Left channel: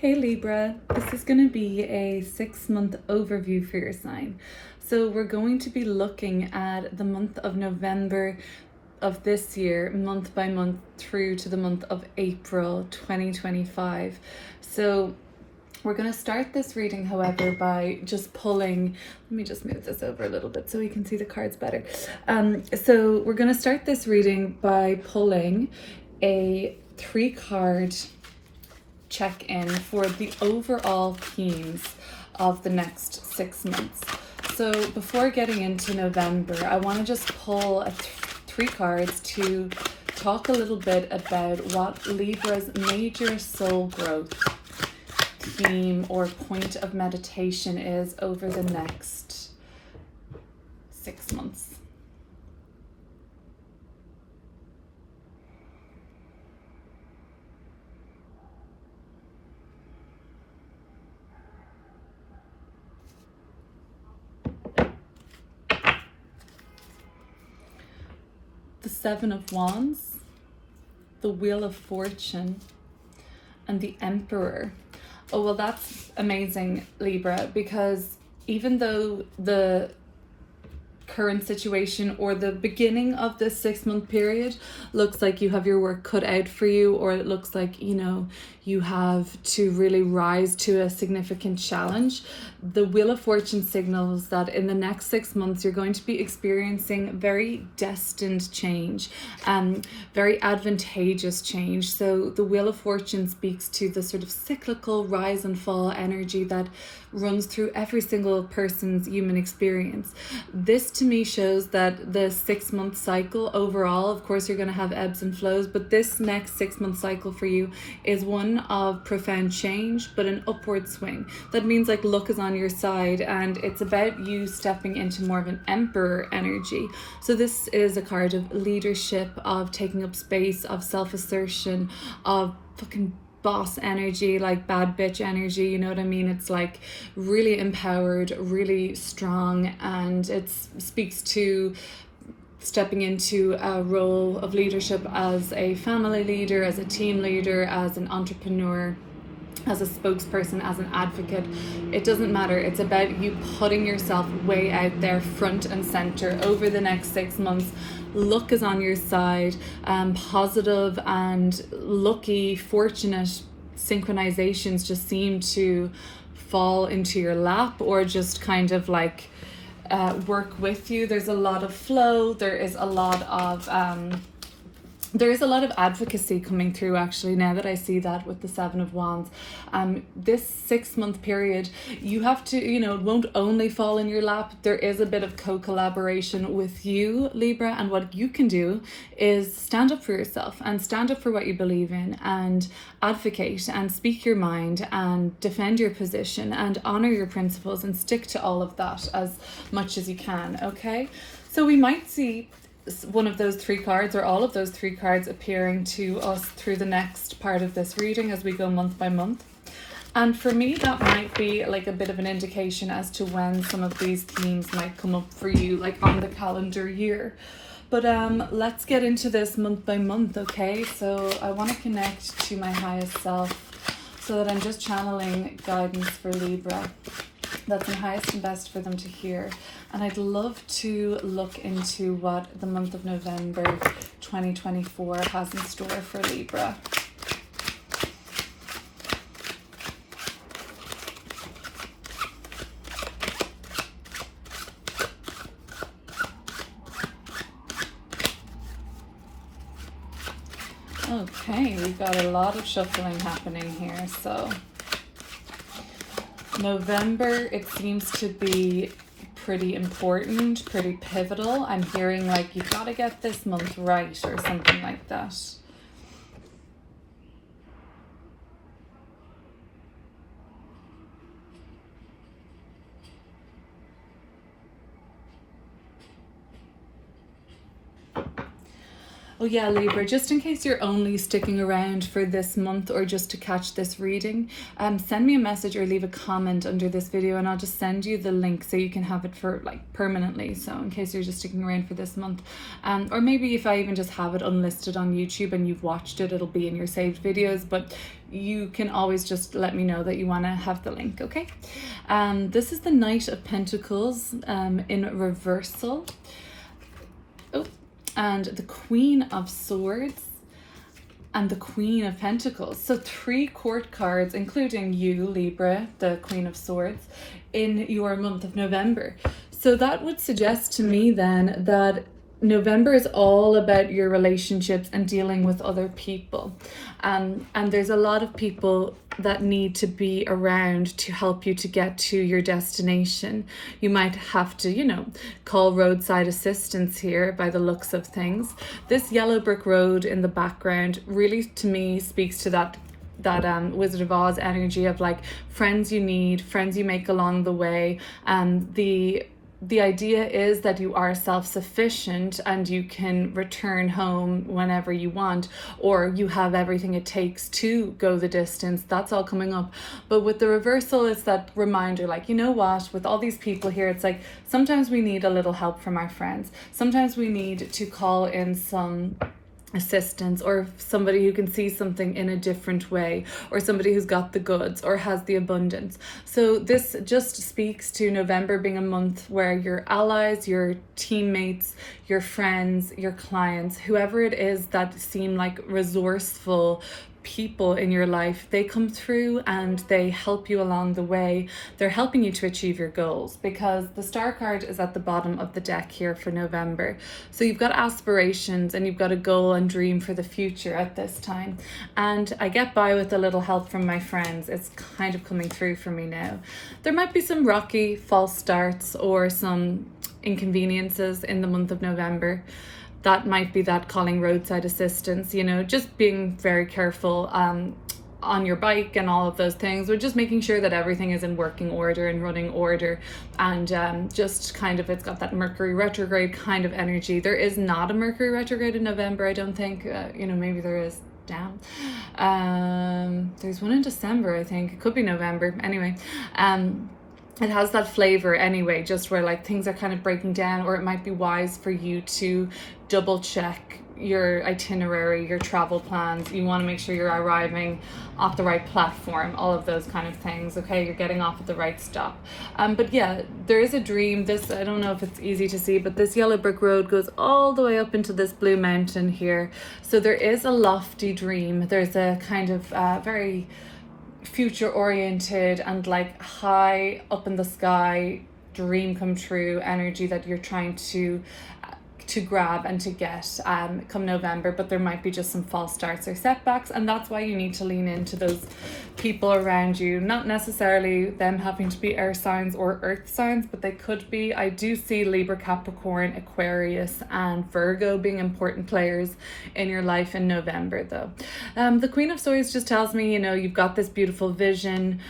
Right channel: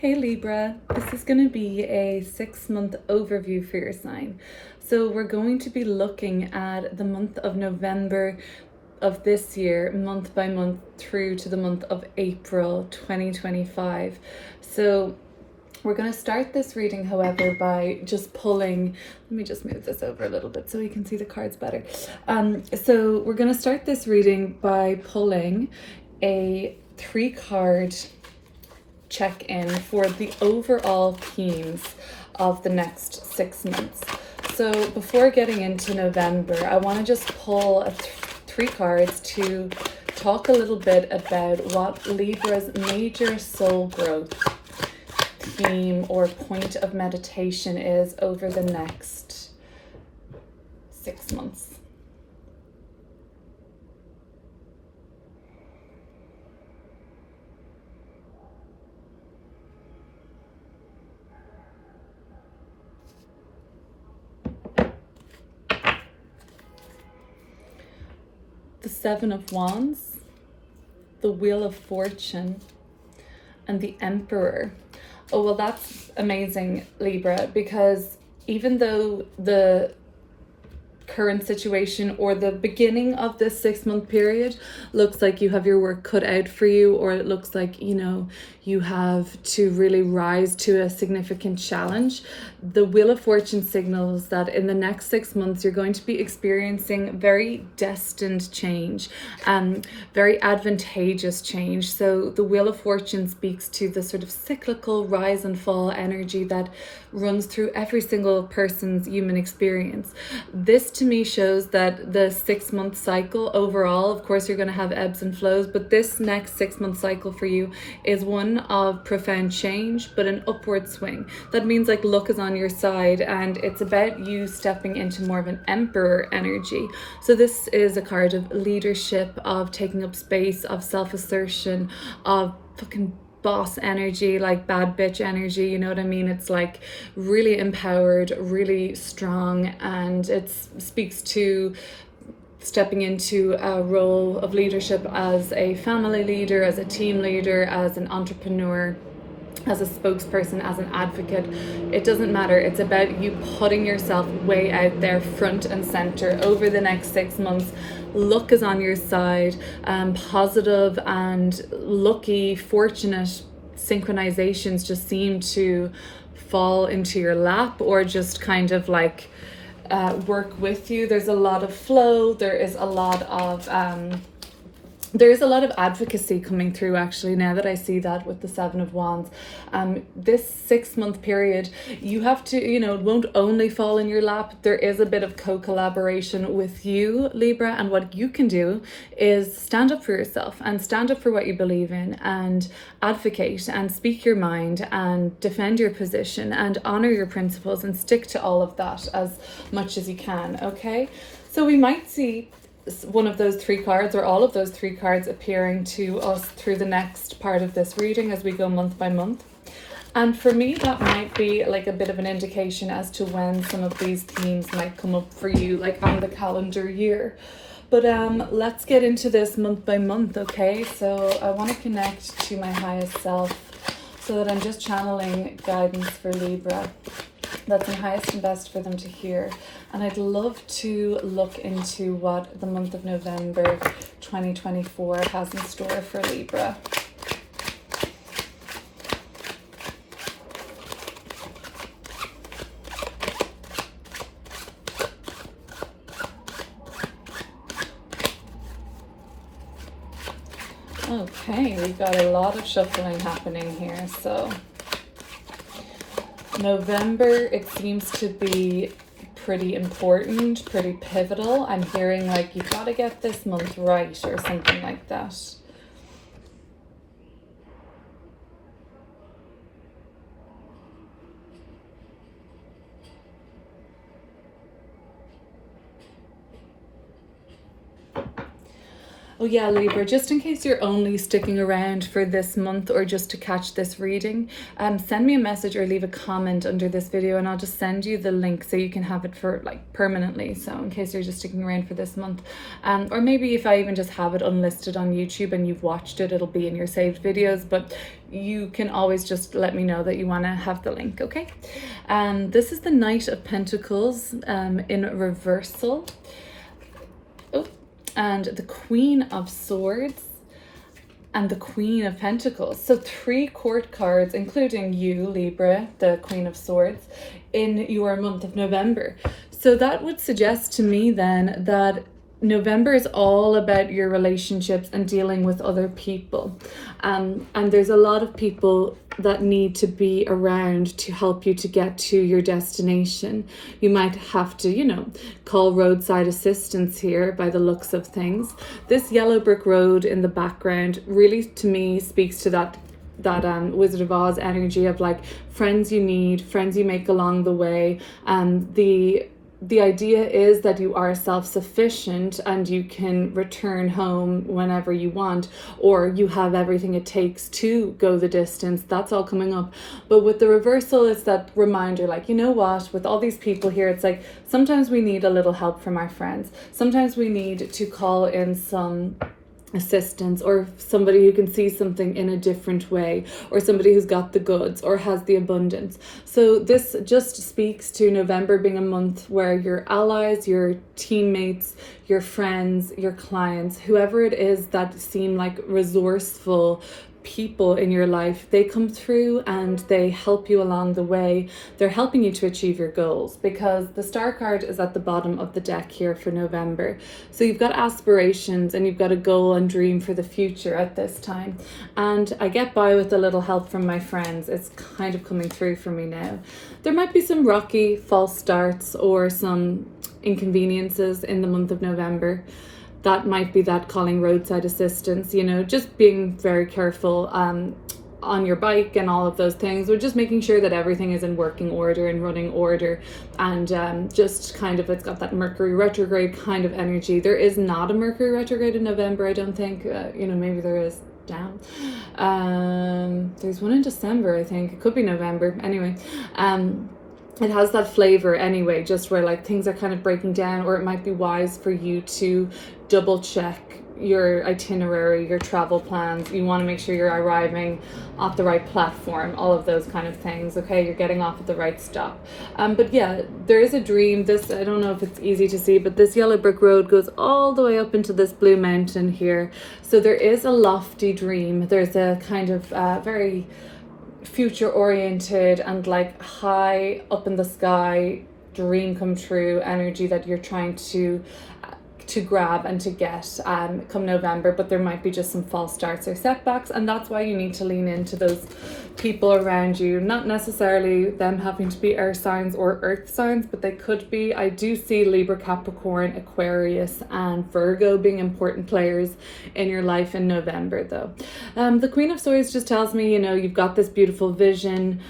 Hey Libra, this is going to be a 6-month overview for your sign. So we're going to be looking at the month of November of this year, month by month, through to the month of April 2025. So we're going to start this reading, however, by just pulling, let me just move this over a little bit so we can see the cards better. So we're going to start this reading by pulling a 3-card check-in for the overall themes of the next 6 months. So before getting into November, I want to just pull 3 cards to talk a little bit about what Libra's major soul growth theme or point of meditation is over the next 6 months. The 7 of Wands, the Wheel of Fortune, and the Emperor. Oh, well, that's amazing, Libra, because even though the current situation or the beginning of this 6-month period looks like you have your work cut out for you, or it looks like, you know, you have to really rise to a significant challenge, the Wheel of Fortune signals that in the next 6 months you're going to be experiencing very destined change, very advantageous change. So the Wheel of Fortune speaks to the sort of cyclical rise and fall energy that runs through every single person's human experience. This to me shows that the 6-month cycle overall, of course you're going to have ebbs and flows, but this next 6-month cycle for you is one of profound change, but an upward swing. That means like luck is on your side, and it's about you stepping into more of an emperor energy. So this is a card of leadership, of taking up space, of self-assertion, of fucking boss energy, like bad bitch energy, you know what I mean? It's like really empowered, really strong, and it speaks to stepping into a role of leadership as a family leader, as a team leader, as an entrepreneur, as a spokesperson, as an advocate. It doesn't matter. It's about you putting yourself way out there, front and center over the next 6 months. Luck is on your side. Positive and lucky, fortunate synchronizations just seem to fall into your lap, or just kind of like work with you. There's a lot of flow. There is a lot of advocacy coming through, actually, now that I see that with the 7 of Wands. This 6-month period, you have to, you know, it won't only fall in your lap. There is a bit of co-collaboration with you, Libra, and what you can do is stand up for yourself and stand up for what you believe in, and advocate and speak your mind and defend your position and honor your principles and stick to all of that as much as you can, okay? So we might see one of those 3 cards, or all of those 3 cards, appearing to us through the next part of this reading as we go month by month. And for me, that might be like a bit of an indication as to when some of these themes might come up for you, like on the calendar year. But let's get into this month by month, okay? So I want to connect to my highest self so that I'm just channeling guidance for Libra. That's the highest and best for them to hear. And I'd love to look into what the month of November 2024 has in store for Libra. Okay, we've got a lot of shuffling happening here. So November, it seems to be pretty important, pretty pivotal. I'm hearing like you've got to get this month right or something like that. Oh yeah, Libra, just in case you're only sticking around for this month or just to catch this reading, send me a message or leave a comment under this video and I'll just send you the link so you can have it for like permanently. So in case you're just sticking around for this month, or maybe if I even just have it unlisted on YouTube and you've watched it, it'll be in your saved videos, but you can always just let me know that you want to have the link, okay? This is the Knight of Pentacles in reversal. Oh, and the Queen of Swords and the Queen of Pentacles. So 3 court cards, including you, Libra, the Queen of Swords, in your month of November. So that would suggest to me then that November is all about your relationships and dealing with other people. And there's a lot of people that need to be around to help you to get to your destination. You might have to, you know, call roadside assistance here by the looks of things. This yellow brick road in the background really, to me, speaks to that Wizard of Oz energy of like friends you need, friends you make along the way. The idea is that you are self-sufficient and you can return home whenever you want, or you have everything it takes to go the distance. That's all coming up. But with the reversal, it's that reminder, like, you know what, with all these people here, it's like sometimes we need a little help from our friends. Sometimes we need to call in some assistance, or somebody who can see something in a different way, or somebody who's got the goods or has the abundance. So this just speaks to November being a month where your allies, your teammates, your friends, your clients, whoever it is that seem like resourceful people in your life, they come through and they help you along the way. They're helping you to achieve your goals, because the Star card is at the bottom of the deck here for November. So you've got aspirations and you've got a goal and dream for the future at this time. And I get by with a little help from my friends. It's kind of coming through for me now. There might be some rocky false starts or some inconveniences in the month of November. That might be that calling roadside assistance, you know, just being very careful on your bike and all of those things. We're just making sure that everything is in working order and running order, and just kind of, it's got that Mercury retrograde kind of energy. There is not a Mercury retrograde in November, I don't think. You know, maybe there is. Damn. There's one in December, I think. It could be November. Anyway, it has that flavor anyway, just where like things are kind of breaking down, or it might be wise for you to double check your itinerary, your travel plans. You want to make sure you're arriving at the right platform, all of those kind of things. Okay, you're getting off at the right stop. But yeah, there is a dream. This, I don't know if it's easy to see, but this yellow brick road goes all the way up into this blue mountain here. So there is a lofty dream. There's a kind of very future oriented and like high up in the sky dream come true energy that you're trying to grab and to get come November. But there might be just some false starts or setbacks, and that's why you need to lean into those people around you, not necessarily them having to be air signs or earth signs, but they could be. I do see Libra, Capricorn, Aquarius and Virgo being important players in your life in November though. The Queen of Swords just tells me, you know, you've got this beautiful vision,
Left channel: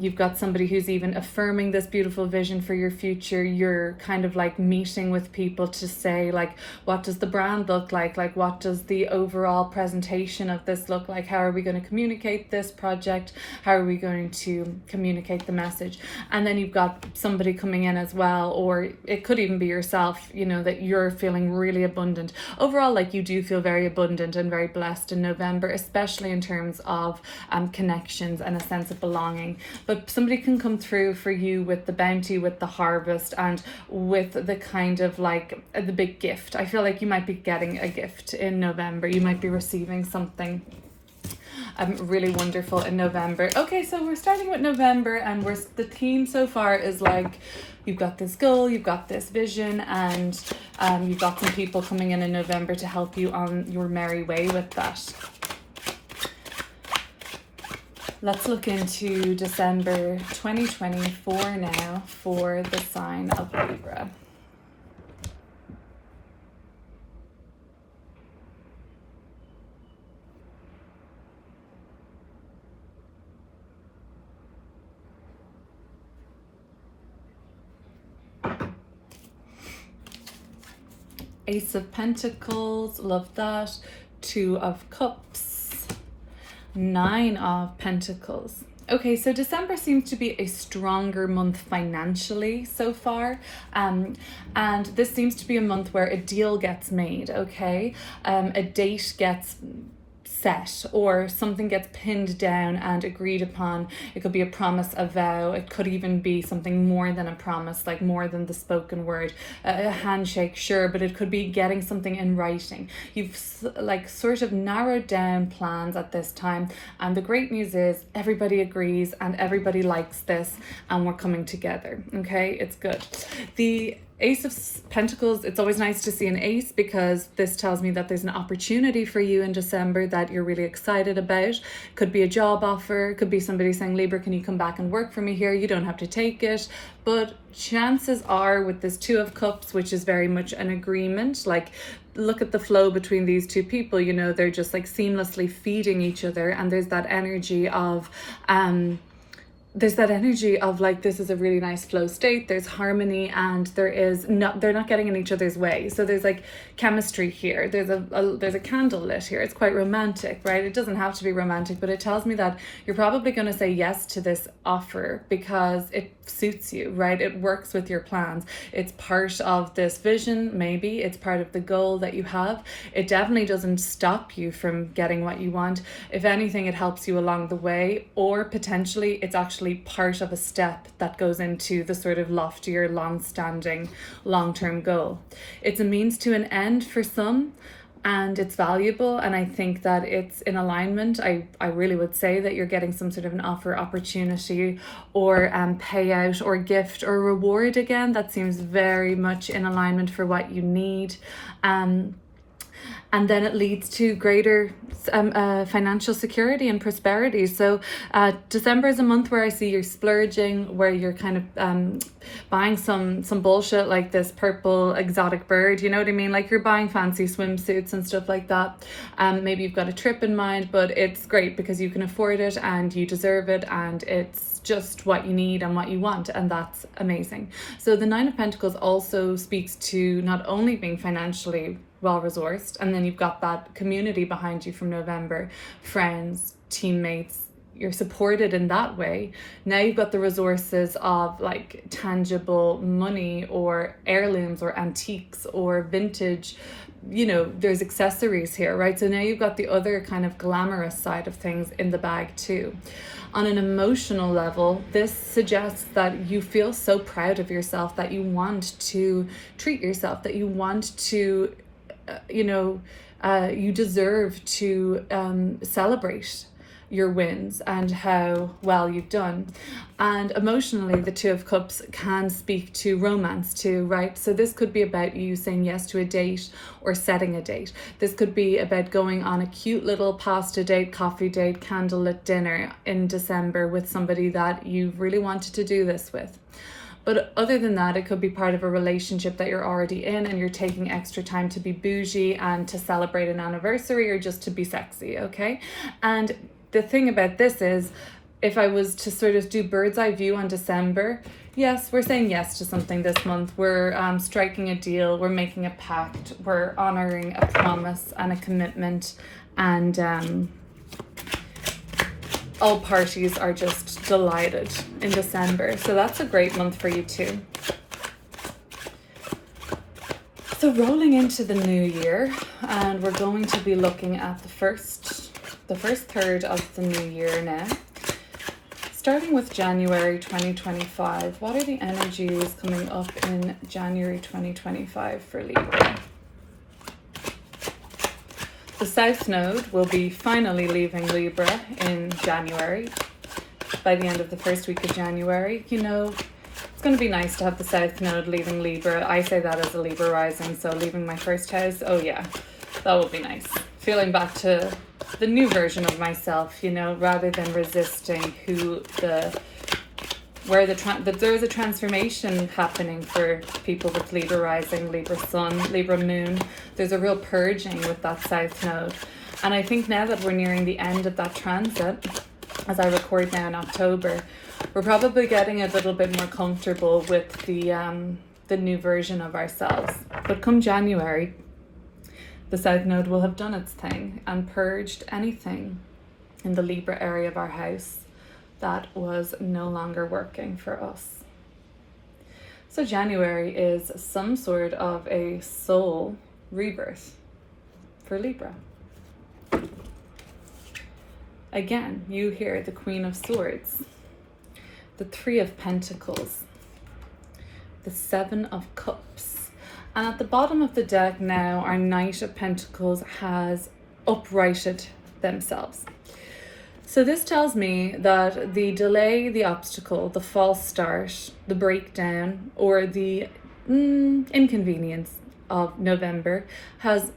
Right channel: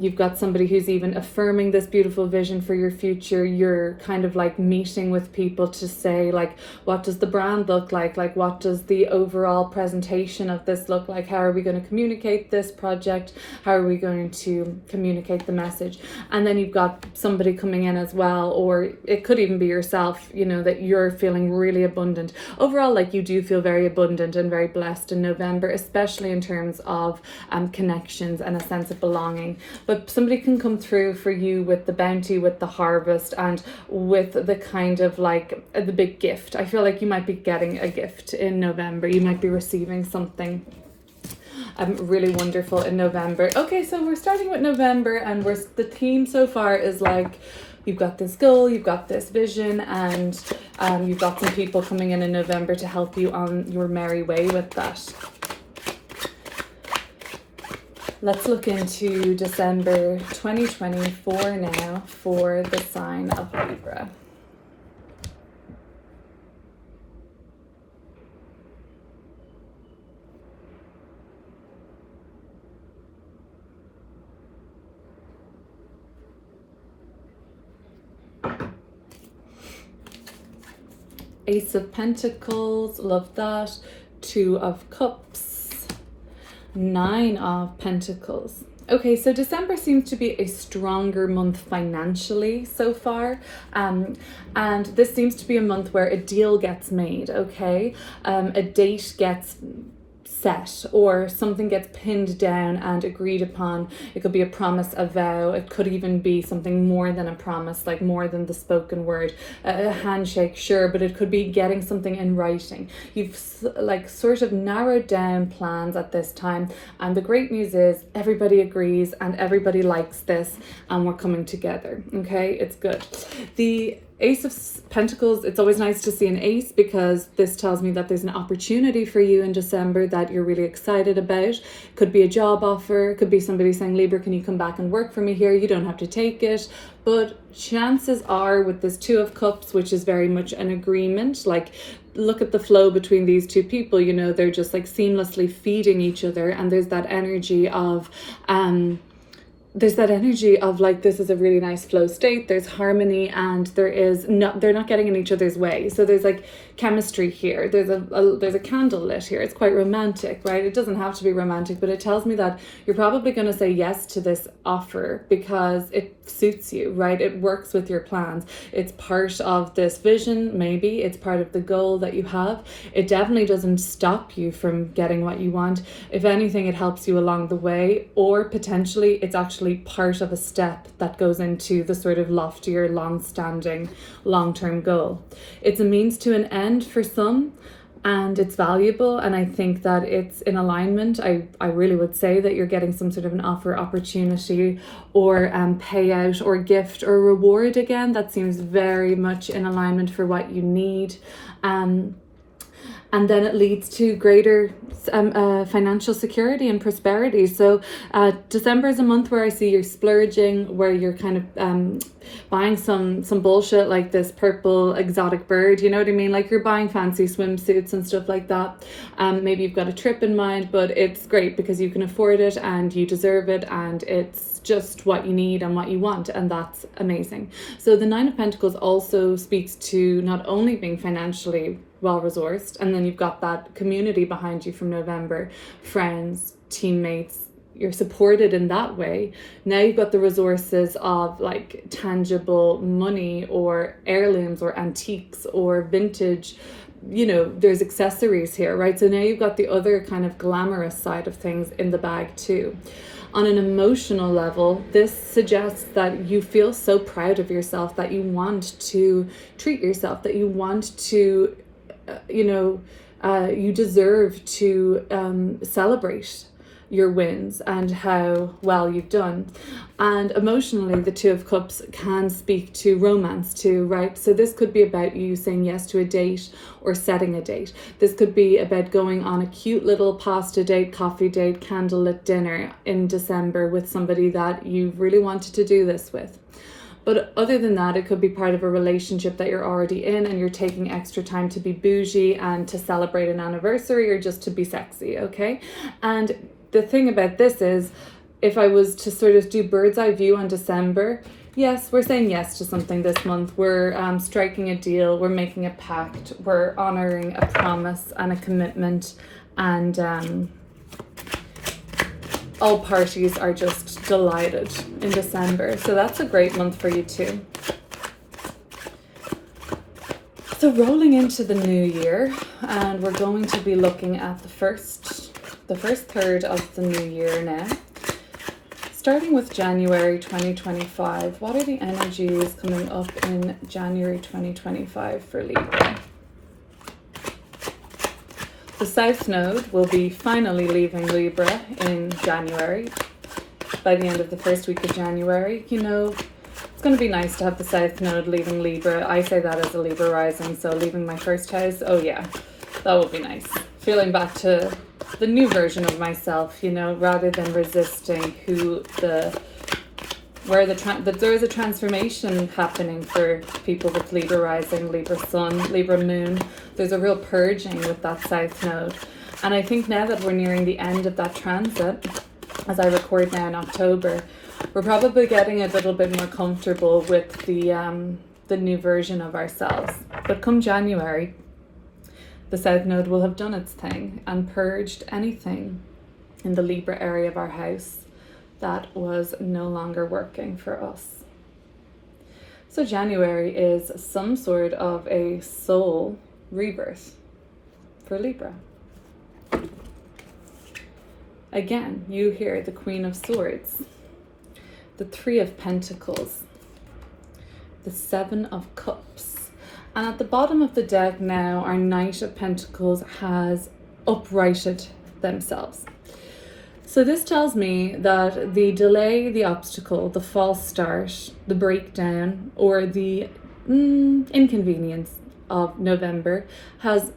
you've got somebody who's even affirming this beautiful vision for your future. You're kind of like meeting with people to say, like, what does the brand look like what does the overall presentation of this look like, how are we going to communicate this project, how are we going to communicate the message. And then you've got somebody coming in as well, or it could even be yourself, you know, that you're feeling really abundant overall. Like, you do feel very abundant and very blessed in November, especially in terms of connections and a sense of belonging. But somebody can come through for you with the bounty, with the harvest, and with the kind of like the big gift. I feel like you might be getting a gift in November. You might be receiving something really wonderful in November. Okay, so we're starting with November, and the theme so far is like, you've got this goal, you've got this vision, and you've got some people coming in November to help you on your merry way with that. Let's look into December 2024 now for the sign of Libra. Ace of Pentacles, love that. Two of Cups, Nine of Pentacles. Okay, so December seems to be a stronger month financially so far, and this seems to be a month where a deal gets made, okay? A date gets set, or something gets pinned down and agreed upon. It could be a promise, a vow. It could even be something more than a promise, like more than the spoken word. A handshake, sure, but it could be getting something in writing. You've like sort of narrowed down plans at this time, and the great news is everybody agrees and everybody likes this, and we're coming together. Okay, it's good. The Ace of Pentacles, it's always nice to see an ace, because this tells me that there's an opportunity for you in December that you're really excited about. Could be a job offer, could be somebody saying, Libra, can you come back and work for me here? You don't have to take it. But chances are with this Two of Cups, which is very much an agreement, like look at the flow between these two people, you know, they're just like seamlessly feeding each other, and there's that energy of like, this is a really nice flow state, there's harmony, and they're not getting in each other's way. So there's like chemistry here, there's a candle lit here. It's quite romantic, right? It doesn't have to be romantic, but it tells me that you're probably going to say yes to this offer because it suits you, right? It works with your plans. It's part of this vision, maybe it's part of the goal that you have. It definitely doesn't stop you from getting what you want. If anything, it helps you along the way, or potentially it's actually part of a step that goes into the sort of loftier, long-standing, long-term goal. It's a means to an end for some, and it's valuable, and I think that it's in alignment. I really would say that you're getting some sort of an offer, opportunity, or payout, or gift, or reward again. That seems very much in alignment for what you need. And then it leads to greater financial security and prosperity. So December is a month where I see you're splurging, where you're kind of buying some bullshit like this purple exotic bird, you know what I mean? Like you're buying fancy swimsuits and stuff like that. Maybe you've got a trip in mind, but it's great because you can afford it and you deserve it, and it's just what you need and what you want, and that's amazing. So the Nine of Pentacles also speaks to not only being financially well resourced, and then you've got that community behind you from November, friends, teammates, you're supported in that way. Now you've got the resources of like tangible money, or heirlooms, or antiques, or vintage, you know, there's accessories here, right? So now you've got the other kind of glamorous side of things in the bag too. On an emotional level, this suggests that you feel so proud of yourself that you want to treat yourself, that you want to you deserve to celebrate your wins and how well you've done. And emotionally, the Two of Cups can speak to romance too, right? So this could be about you saying yes to a date or setting a date. This could be about going on a cute little pasta date, coffee date, candlelit dinner in December with somebody that you've really wanted to do this with. But other than that, it could be part of a relationship that you're already in, and you're taking extra time to be bougie and to celebrate an anniversary, or just to be sexy, okay? And the thing about this is, if I was to sort of do bird's eye view on December, yes, we're saying yes to something this month. We're striking a deal, we're making a pact, we're honoring a promise and a commitment, and all parties are just delighted in December. So that's a great month for you too. So rolling into the new year, and we're going to be looking at the first third of the new year now. Starting with January 2025, what are the energies coming up in January 2025 for Libra? The South Node will be finally leaving Libra in January, by the end of the first week of January. You know, it's going to be nice to have the South Node leaving Libra. I say that as a Libra rising, so leaving my first house, oh yeah, that would be nice. Feeling back to the new version of myself, you know, rather than resisting there's a transformation happening for people with Libra rising, Libra sun, Libra moon. There's a real purging with that South Node. And I think now that we're nearing the end of that transit, as I record now in October, we're probably getting a little bit more comfortable with the new version of ourselves. But come January, the South Node will have done its thing and purged anything in the Libra area of our house that was no longer working for us. So January is some sort of a soul rebirth for Libra. Again, you hear the Queen of Swords, the Three of Pentacles, the Seven of Cups. And at the bottom of the deck now, our Knight of Pentacles has uprighted themselves. So this tells me that the delay, the obstacle, the false start, the breakdown, or the inconvenience of November has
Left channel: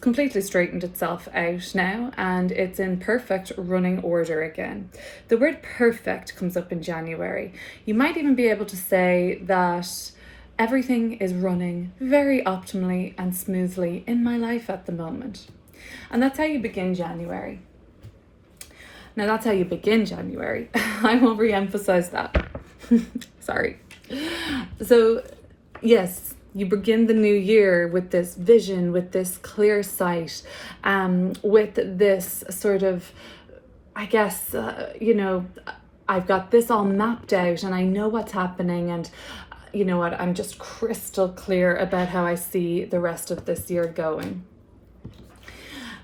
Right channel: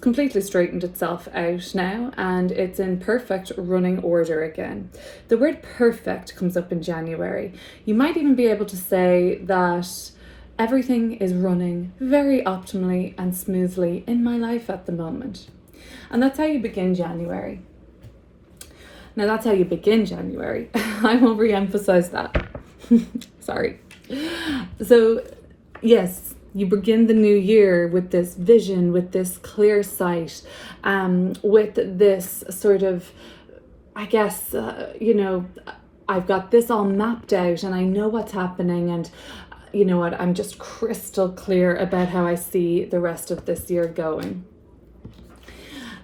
completely straightened itself out now, and it's in perfect running order again. The word perfect comes up in January. You might even be able to say that everything is running very optimally and smoothly in my life at the moment. And that's how you begin January. Now that's how you begin January. I will re-emphasize that. Sorry. So yes, you begin the new year with this vision, with this clear sight, with this sort of, I guess, I've got this all mapped out and I know what's happening, and you know what, I'm just crystal clear about how I see the rest of this year going.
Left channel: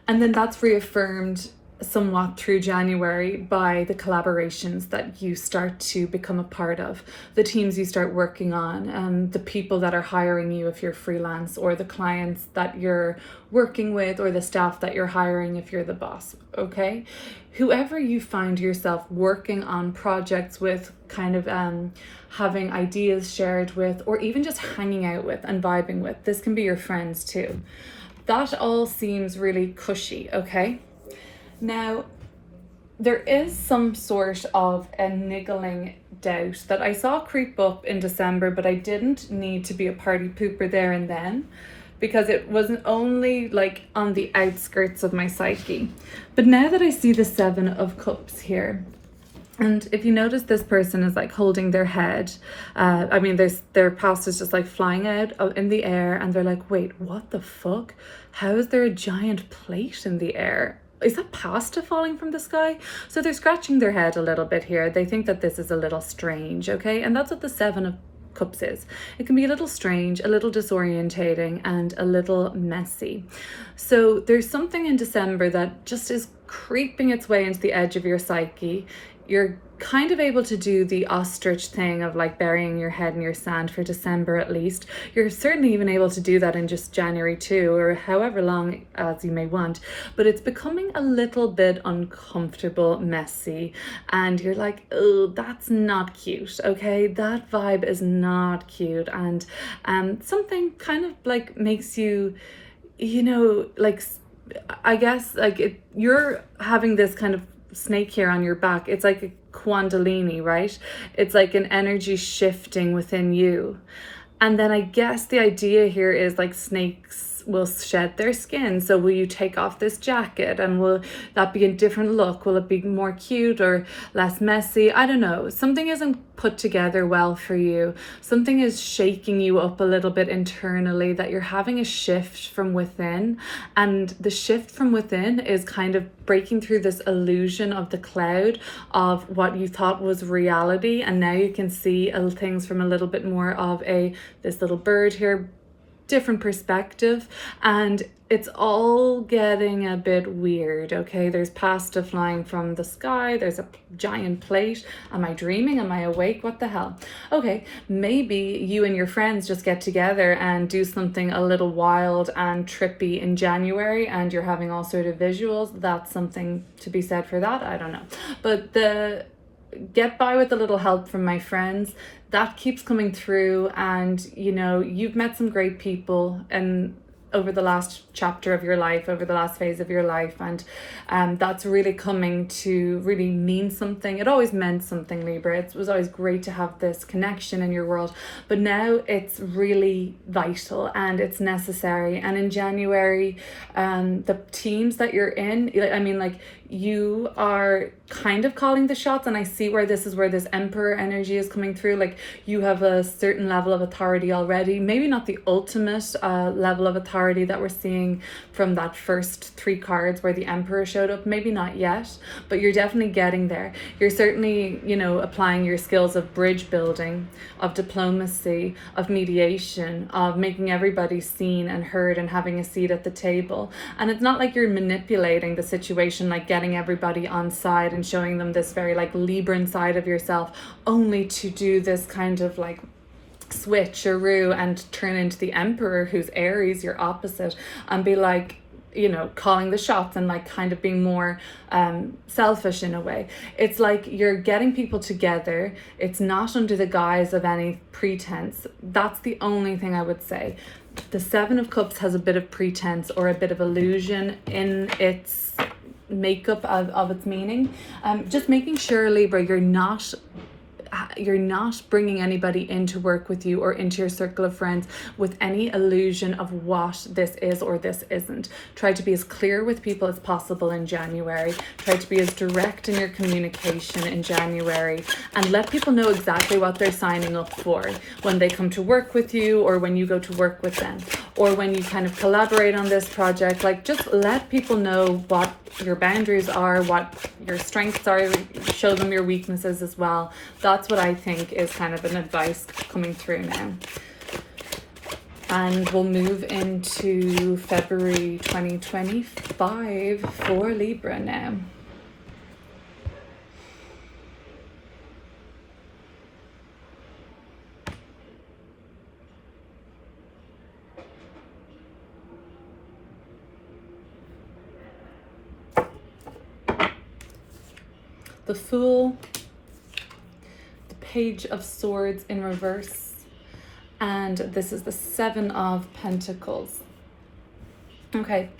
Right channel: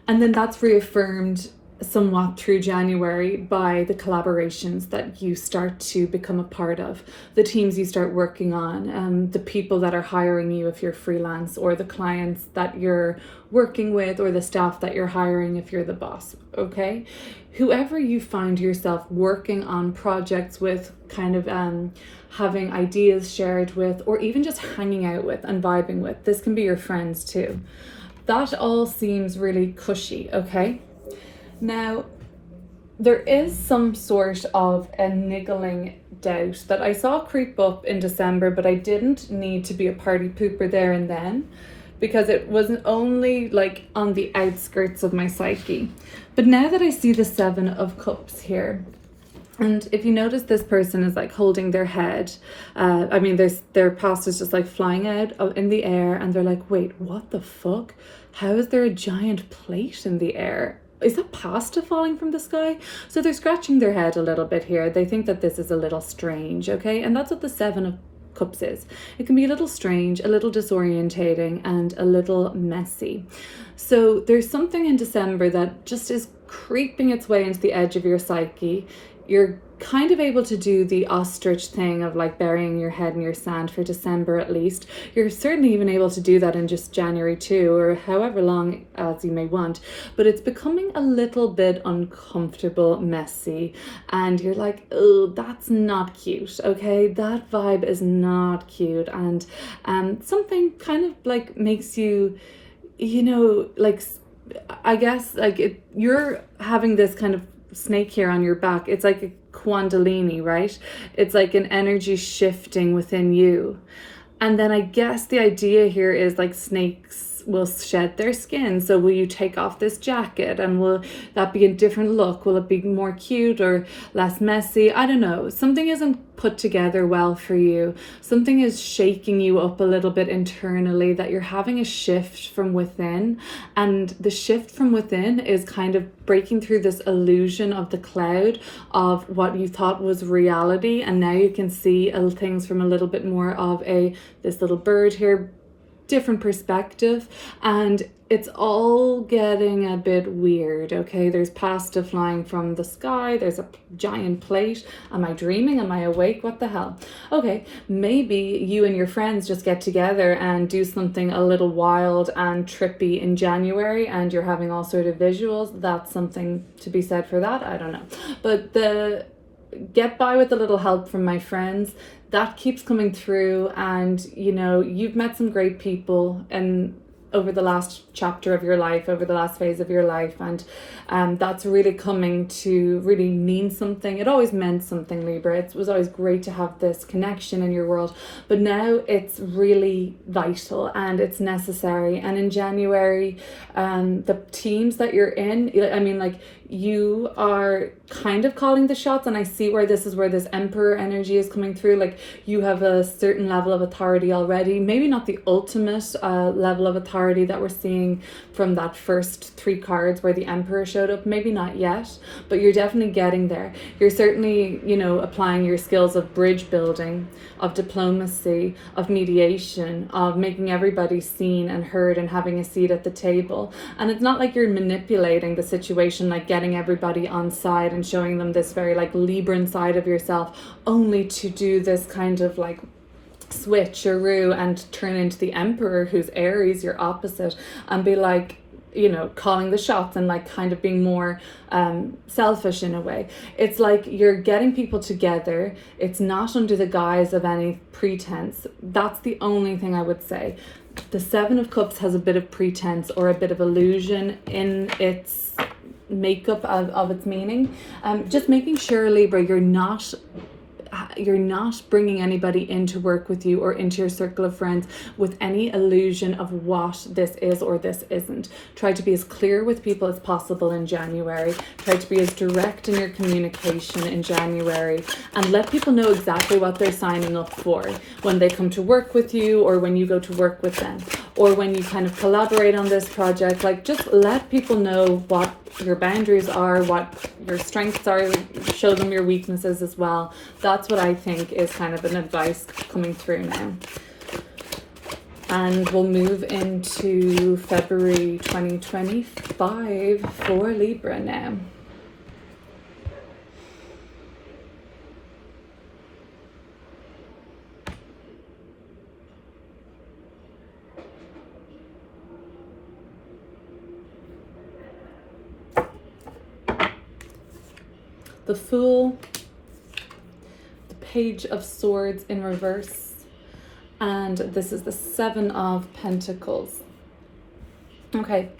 And then that's reaffirmed somewhat through January by the collaborations that you start to become a part of, the teams you start working on, the people that are hiring you if you're freelance, or the clients that you're working with, or the staff that you're hiring if you're the boss, okay? Whoever you find yourself working on projects with, kind of having ideas shared with, or even just hanging out with and vibing with, this can be your friends too. That all seems really cushy, okay? Now, there is some sort of a niggling doubt that I saw creep up in December, but I didn't need to be a party pooper there and then, because it wasn't only like on the outskirts of my psyche. But now that I see the Seven of Cups here, and if you notice, this person is like holding their head. I mean, their past is just like flying out in the air, and they're like, wait, what the fuck? How is there a giant plate in the air? Is that pasta falling from the sky? So they're scratching their head a little bit here. They think that this is a little strange, okay? And that's what the Seven of Cups is. It can be a little strange, a little disorientating, and a little messy. So there's something in December that just is creeping its way into the edge of your psyche. You're kind of able to do the ostrich thing of like burying your head in your sand for December at least. You're certainly even able to do that in just January too, or however long as you may want, but it's becoming a little bit uncomfortable, messy, and you're like, oh, that's not cute, okay? That vibe is not cute, and something kind of like makes you, like, I guess like you're having this kind of snake here on your back. It's like a kundalini, right? It's like an energy shifting within you. And then I guess the idea here is like snakes will shed their skin. So will you take off this jacket, and will that be a different look? Will it be more cute or less messy? I don't know. Something isn't put together well for you. Something is shaking you up a little bit internally, that you're having a shift from within. And the shift from within is kind of breaking through this illusion of the cloud of what you thought was reality. And now you can see things from a little bit more of this little bird here, different perspective, and it's all getting a bit weird, okay? There's pasta flying from the sky, there's a giant plate. Am I dreaming? Am I awake? What the hell? Okay, maybe you and your friends just get together and do something a little wild and trippy in January, and you're having all sort of visuals. That's something to be said for that. I don't know. But get by with a little help from my friends, that keeps coming through. And you've met some great people and over the last chapter of your life, over the last phase of your life, and that's really coming to really mean something. It always meant something, Libra. It was always great to have this connection in your world, but now it's really vital and it's necessary. And in January, the teams that you're in, I mean, like, You are kind of calling the shots, and I see where this Emperor energy is coming through. Like, you have a certain level of authority already, maybe not the ultimate level of authority that we're seeing from that first 3 cards where the Emperor showed up, maybe not yet, but you're definitely getting there. You're certainly, you know, applying your skills of bridge building, of diplomacy, of mediation, of making everybody seen and heard and having a seat at the table. And it's not like you're manipulating the situation, like getting everybody on side and showing them this very like Libran side of yourself, only to do this kind of like switcheroo and turn into the Emperor, who's Aries, your opposite, and be like, you know, calling the shots and like kind of being more selfish in a way. It's like you're getting people together. It's not under the guise of any pretense. That's the only thing I would say. The 7 of Cups has a bit of pretense or a bit of illusion in its makeup of its meaning. Just making sure, Libra, you're not bringing anybody in to work with you or into your circle of friends with any illusion of what this is or this isn't. Try to be as clear with people as possible in January. Try to be as direct in your communication in January, and let people know exactly what they're signing up for when they come to work with you, or when you go to work with them, or when you kind of collaborate on this project. Like, just let people know what your boundaries are, what your strengths are, show them your weaknesses as well. That's what I think is kind of an advice coming through now. And we'll move into February 2025 for Libra now. The Fool, the Page of Swords in reverse, and this is the 7 of Pentacles. Okay,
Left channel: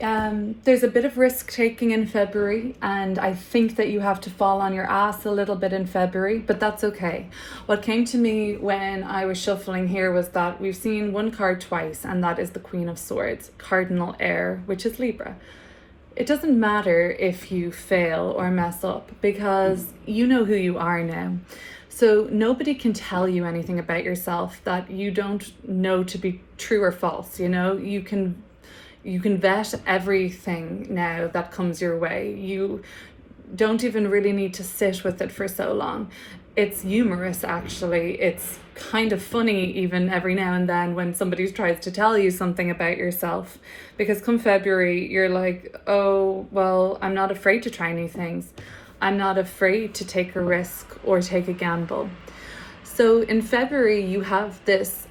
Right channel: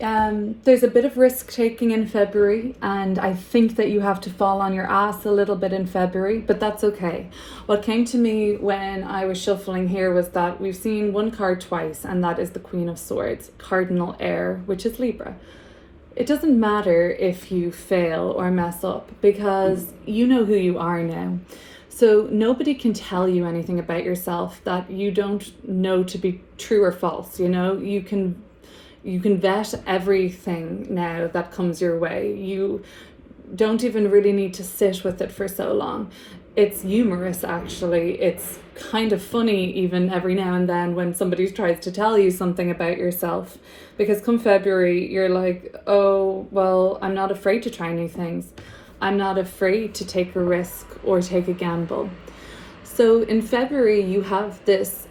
there's a bit of risk taking in February, and I think that you have to fall on your ass a little bit in February, but that's okay. What came to me when I was shuffling here was that we've seen one card twice, and that is the Queen of Swords, cardinal heir, which is Libra. It doesn't matter if you fail or mess up, because you know who you are now. So nobody can tell you anything about yourself that you don't know to be true or false. You know, you can vet everything now that comes your way. You don't even really need to sit with it for so long. It's humorous, actually. It's kind of funny even every now and then when somebody tries to tell you something about yourself, because come February you're like, oh well, I'm not afraid to try new things. I'm not afraid to take a risk or take a gamble. So in February you have this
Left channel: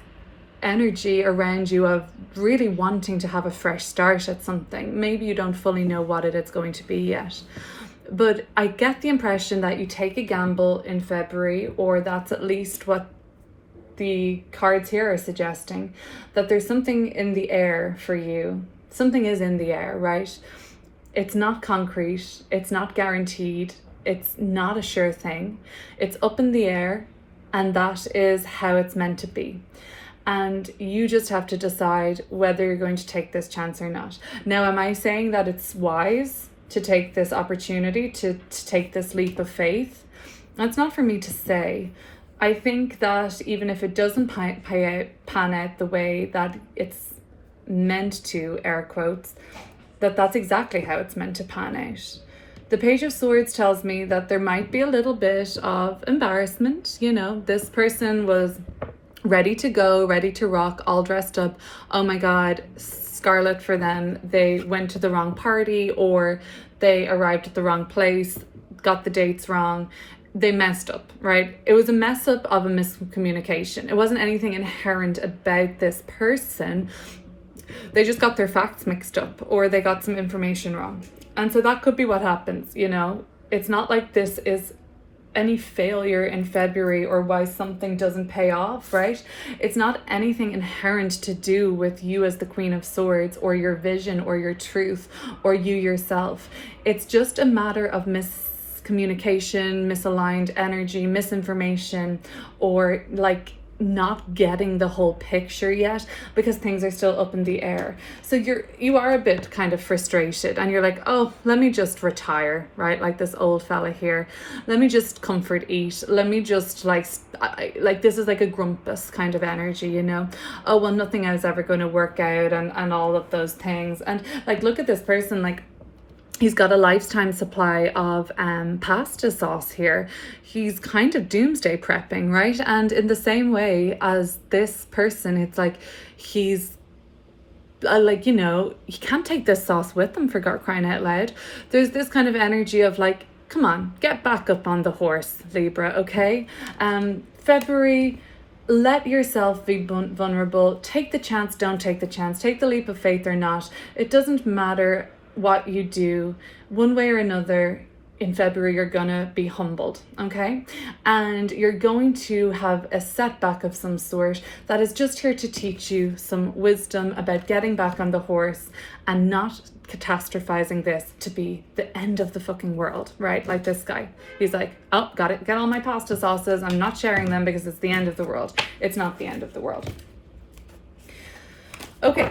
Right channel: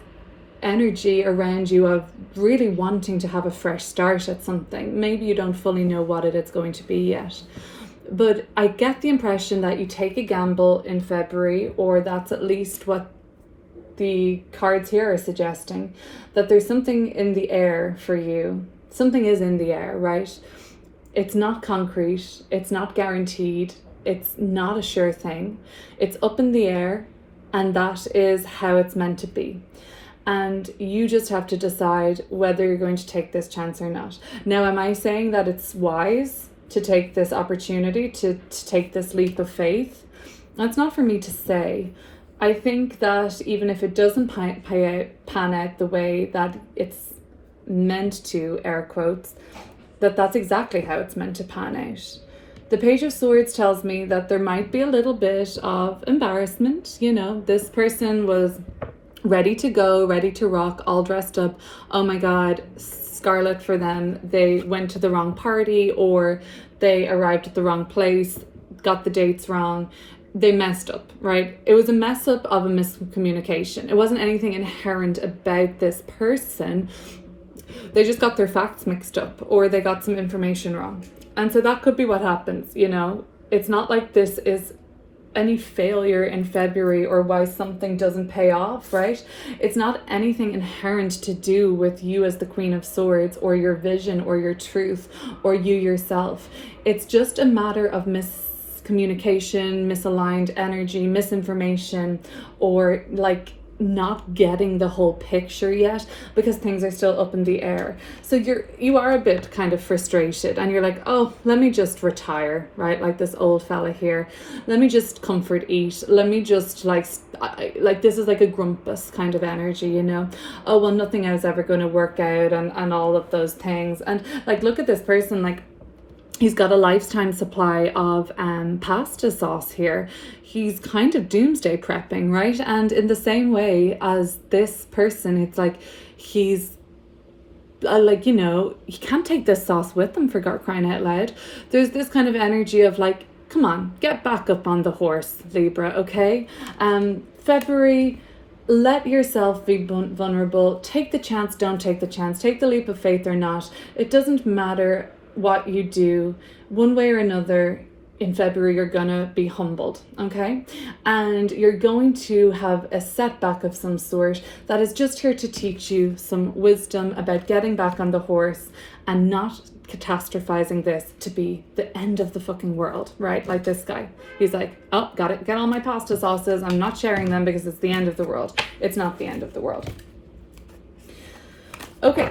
energy around you of really wanting to have a fresh start at something. Maybe you don't fully know what it's going to be yet, but I get the impression that you take a gamble in February, or that's at least what the cards here are suggesting, that there's something in the air for you. Something is in the air, right? It's not concrete, it's not guaranteed, it's not a sure thing. It's up in the air, and that is how it's meant to be. And you just have to decide whether you're going to take this chance or not. Now, am I saying that it's wise to take this opportunity, to take this leap of faith? That's not for me to say. I think that even if it doesn't pan out the way that it's meant to, air quotes, that's exactly how it's meant to pan out. The Page of Swords tells me that there might be a little bit of embarrassment. You know, this person was ready to go, ready to rock, all dressed up. Oh my God, scarlet for them. They went to the wrong party, or they arrived at the wrong place, got the dates wrong. They messed up, right? It was a mess up of a miscommunication. It wasn't anything inherent about this person. They just got their facts mixed up, or they got some information wrong. And so that could be what happens, you know? It's not like this is any failure in February or why something doesn't pay off, right? It's not anything inherent to do with you as the Queen of Swords, or your vision, or your truth, or you yourself. It's just a matter of miscommunication, misaligned energy, misinformation, or like not getting the whole picture yet because things are still up in the air. So you are a bit kind of frustrated, and you're like, oh, let me just retire, right? Like this old fella here. Let me just comfort eat. Let me just like this is like a grumpus kind of energy, you know? Oh, well, nothing is ever going to work out, and all of those things. And like, look at this person, like, he's got a lifetime supply of pasta sauce here. He's kind of doomsday prepping, right? And in the same way as this person, it's like he's like, you know, he can't take this sauce with him, for God crying out loud. There's this kind of energy of like, come on, get back up on the horse, Libra, okay? February, let yourself be vulnerable. Take the chance, don't take the chance. Take the leap of faith or not. It doesn't matter what you do. One way or another, in February, you're gonna be humbled, okay? And you're going to have a setback of some sort that is just here to teach you some wisdom about getting back on the horse and not catastrophizing this to be the end of the fucking world, right? Like this guy. He's like, oh, got it. Get all my pasta sauces. I'm not sharing them because it's the end of the world. It's not the end of the world. Okay.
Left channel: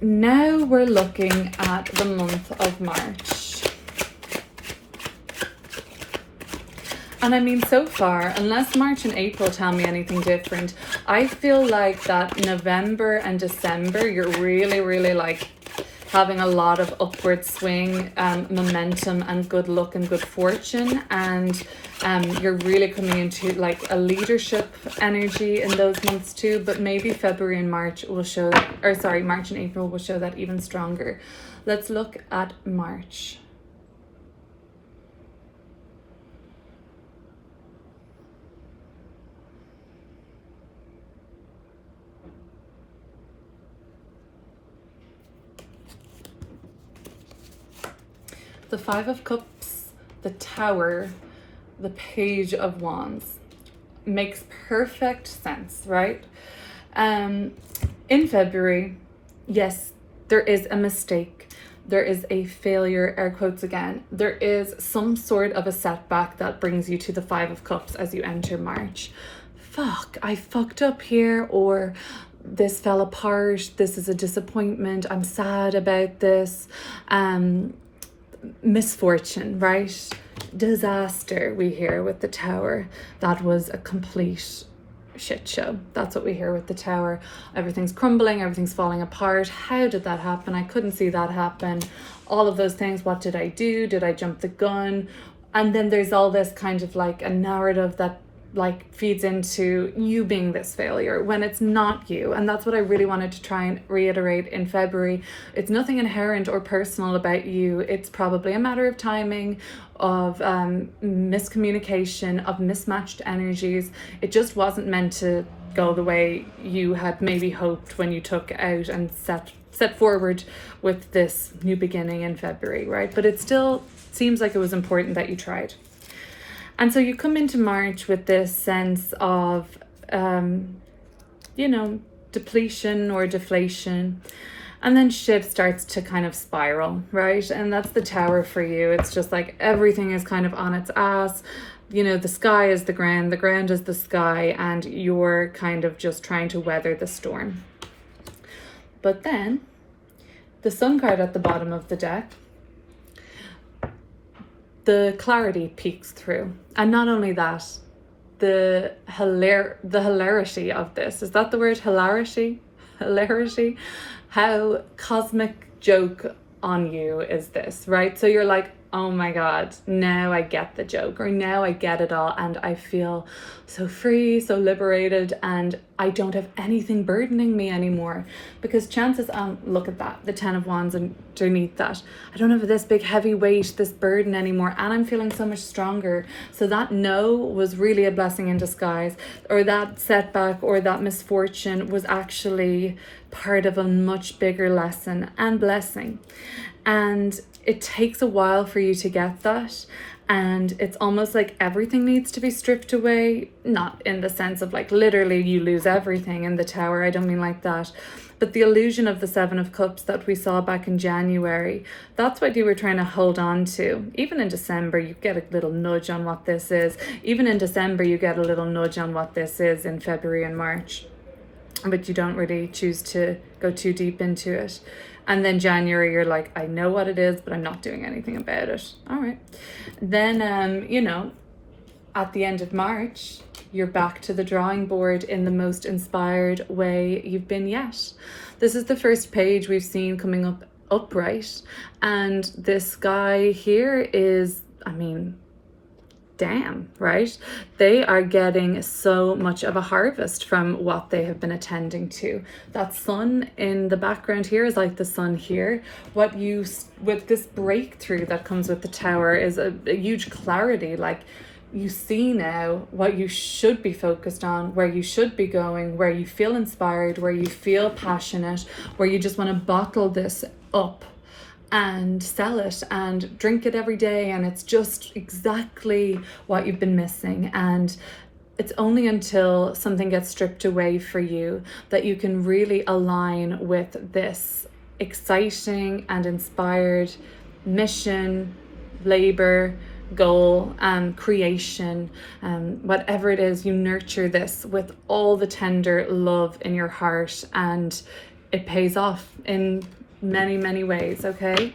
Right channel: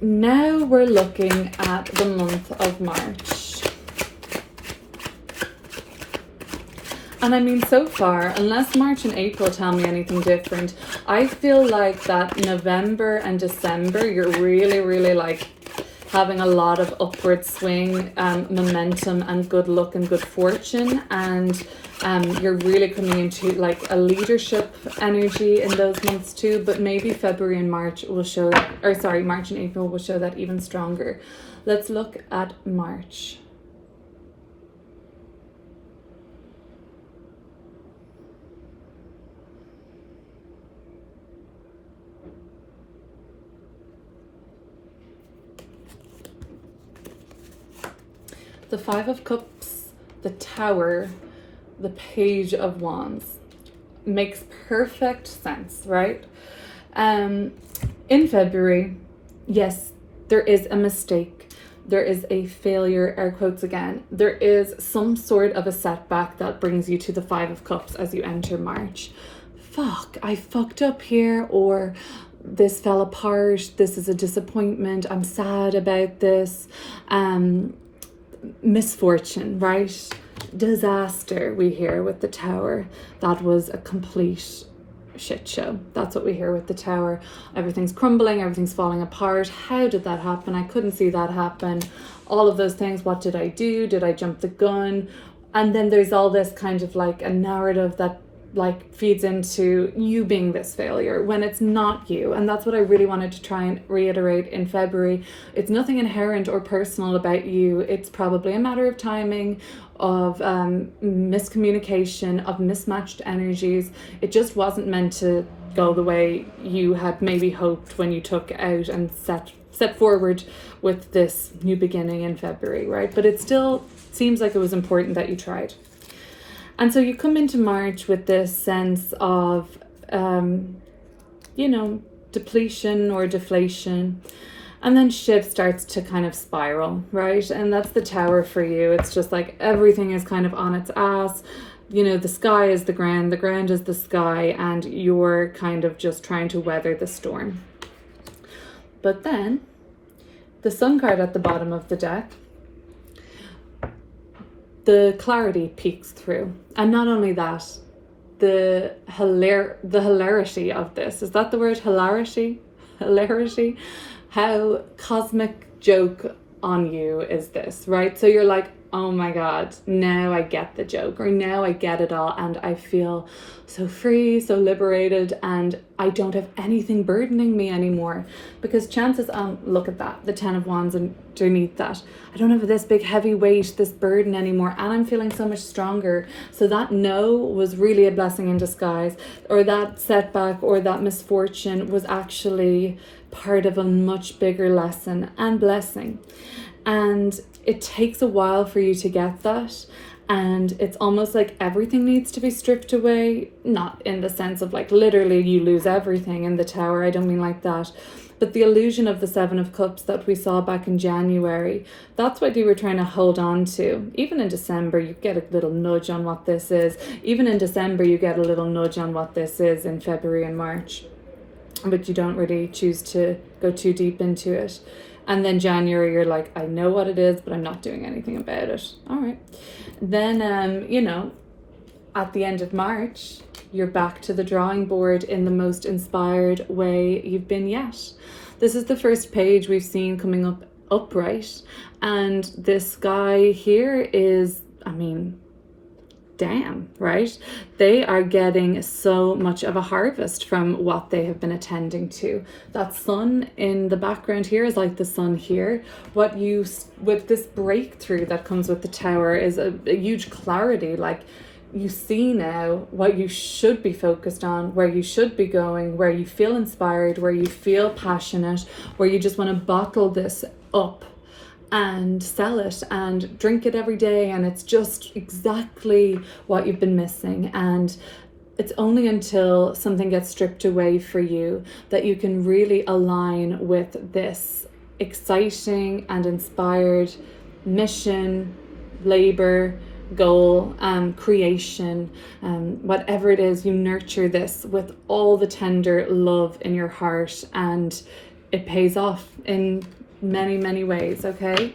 Now we're looking at the month of March. And I mean, so far, unless March and April tell me anything different, I feel like that November and December, you're really, really like having a lot of upward swing, momentum and good luck and good fortune. And you're really coming into like a leadership energy in those months too. But maybe February and March will show that, or sorry, March and April will show that even stronger. Let's look at March. The Five of Cups, the Tower, the Page of Wands. Makes perfect sense, right? In February, yes, there is a mistake. There is a failure, air quotes again. There is some sort of a setback that brings you to the Five of Cups as you enter March. Fuck, I fucked up here, or this fell apart. This is a disappointment. I'm sad about this. Misfortune, right? Disaster, we hear with the Tower. That was a complete shit show. That's what we hear with the Tower. Everything's crumbling, everything's falling apart. How did that happen? I couldn't see that happen. All of those things. What did I do? Did I jump the gun? And then there's all this kind of like a narrative that like feeds into you being this failure when it's not you. And that's what I really wanted to try and reiterate in February. It's nothing inherent or personal about you. It's probably a matter of timing, of miscommunication, of mismatched energies. It just wasn't meant to go the way you had maybe hoped when you took out and set forward with this new beginning in February, right? But it still seems like it was important that you tried. And so you come into March with this sense of, depletion or deflation. And then shit starts to kind of spiral, right? And that's the Tower for you. It's just like everything is kind of on its ass. You know, the sky is the ground is the sky, and you're kind of just trying to weather the storm. But then the Sun card at the bottom of the deck, the clarity peeks through. And not only that, the hilarity of this, is that the word, hilarity? How cosmic joke on you is this, right? So you're like, oh my God, now I get the joke, or now I get it all, and I feel so free, so liberated, and I don't have anything burdening me anymore. Because chances are, look at that, the 10 of Wands underneath that. I don't have this big heavy weight, this burden anymore, and I'm feeling so much stronger. So that no was really a blessing in disguise, or that setback or that misfortune was actually part of a much bigger lesson and blessing. And it takes a while for you to get that, and it's almost like everything needs to be stripped away, not in the sense of like literally you lose everything in the Tower, I don't mean like that, But the illusion of the Seven of Cups that we saw back in January, that's what you were trying to hold on to. Even in December, you get a little nudge on what this is. Even in December, you get a little nudge on what this is in February and March. But you don't really choose to go too deep into it. And then January, you're like, I know what it is, but I'm not doing anything about it. All right. Then, you know, at the end of March, you're back to the drawing board in the most inspired way you've been yet. This is the first page we've seen coming up upright. And this guy here is, I mean, damn, right? They are getting so much of a harvest from what they have been attending to. That sun in the background here is like the sun here. With this breakthrough that comes with the tower is a huge clarity. Like, you see now what you should be focused on, where you should be going, where you feel inspired, where you feel passionate, where you just want to bottle this up and sell it and drink it every day, and it's just exactly what you've been missing. And it's only until something gets stripped away for you that you can really align with this exciting and inspired mission, labor, goal, creation, whatever it is. You nurture this with all the tender love in your heart, and it pays off in many ways, okay?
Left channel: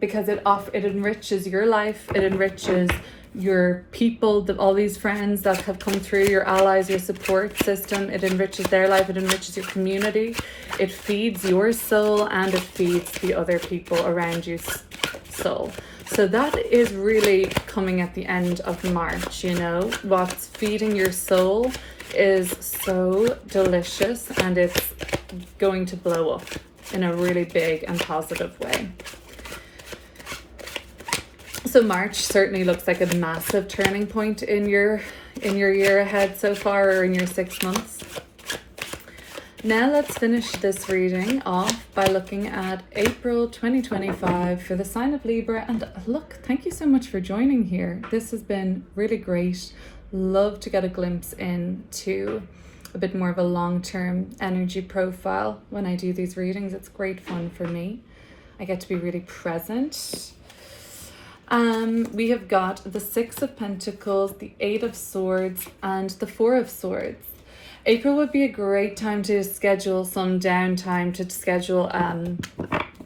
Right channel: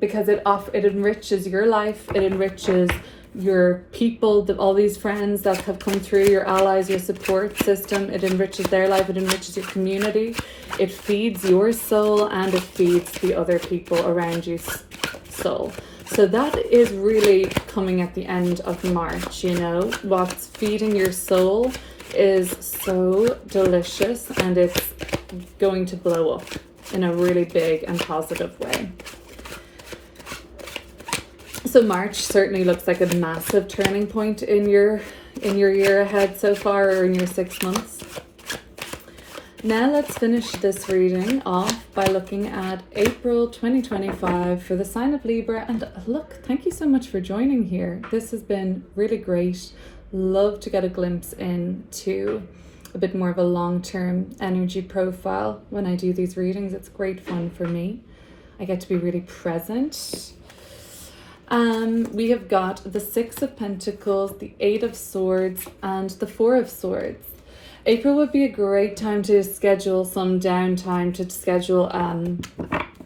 Because it enriches your life, it enriches your people, all these friends that have come through, your allies, your support system. It enriches their life, it enriches your community, it feeds your soul, and it feeds the other people around you's soul. So that is really coming at the end of March, you know. What's feeding your soul is so delicious, and it's going to blow up in a really big and positive way. So March certainly looks like a massive turning point in your year ahead so far, or in your 6 months. Now let's finish this reading off by looking at April 2025 for the sign of Libra. And look, thank you so much for joining here. This has been really great. Love to get a glimpse into a bit more of a long-term energy profile when I do these readings. It's great fun for me. I get to be really present. We have got the Six of Pentacles, the Eight of Swords, and the Four of Swords. April would be a great time to schedule some downtime, to schedule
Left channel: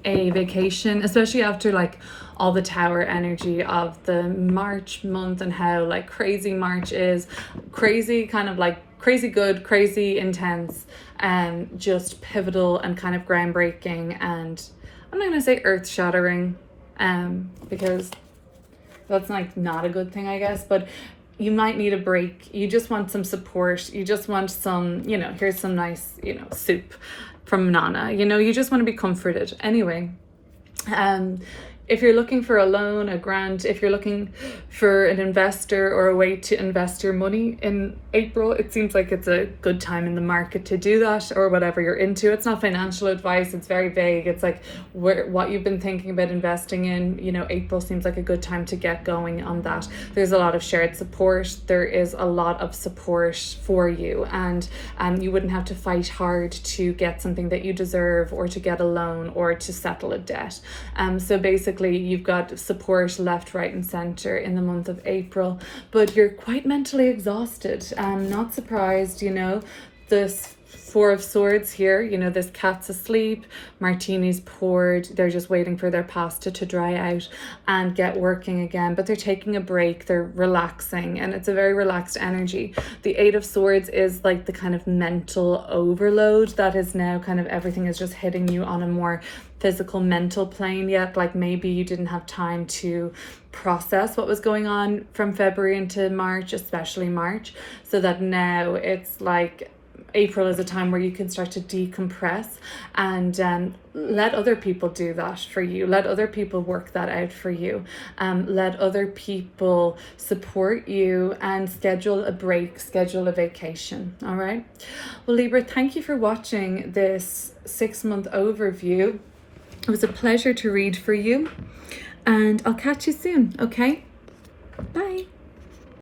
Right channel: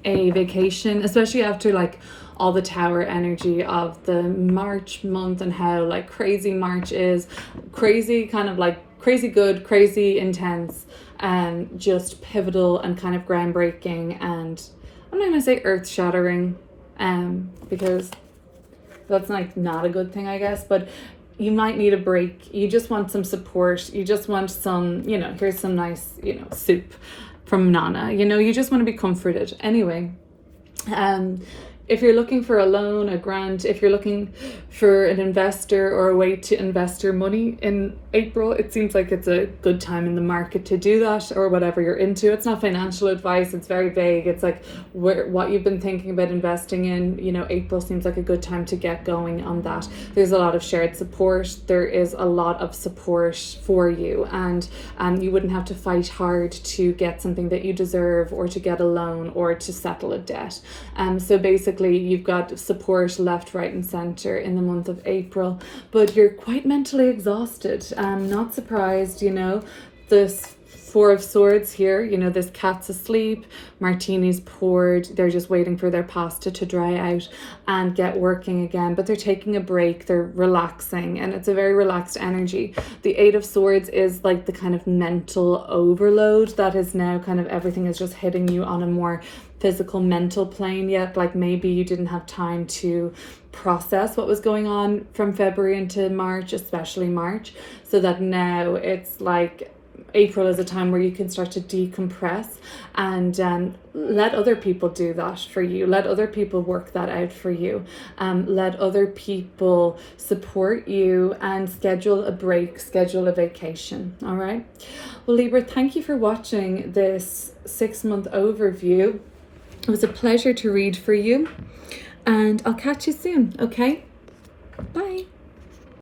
a vacation, especially after like all the tower energy of the March month and how like crazy March is. Crazy, kind of like crazy good, crazy intense, and just pivotal and kind of groundbreaking, and I'm not going to say earth-shattering, because that's like not a good thing, I guess, but you might need a break. You just want some support. You just want some, you know, here's some nice, you know, soup from Nana. You know, you just want to be comforted. Anyway, if you're looking for a loan, a grant, if you're looking for an investor or a way to invest your money in April, it seems like it's a good time in the market to do that, or whatever you're into. It's not financial advice, it's very vague. It's like what you've been thinking about investing in, you know, April seems like a good time to get going on that. There's a lot of shared support. There is a lot of support for you, and you wouldn't have to fight hard to get something that you deserve, or to get a loan, or to settle a debt. So basically you've got support left, right and center in the month of April, but you're quite mentally exhausted. Not surprised, you know. This Four of Swords here, you know, this cat's asleep, martini's poured, they're just waiting for their pasta to dry out and get working again, but they're taking a break, they're relaxing, and it's a very relaxed energy. The Eight of Swords is like the kind of mental overload that is now kind of, everything is just hitting you on a more physical mental plane yet. Like maybe you didn't have time to process what was going on from February into March, especially March, so that now it's like April is a time where you can start to decompress and let other people do that for you. Let other people work that out for you. Let other people support you, and schedule a break, schedule a vacation. All right. Well, Libra, thank you for watching this 6-month overview. It was a pleasure to read for you, and I'll catch you soon. Okay. Bye.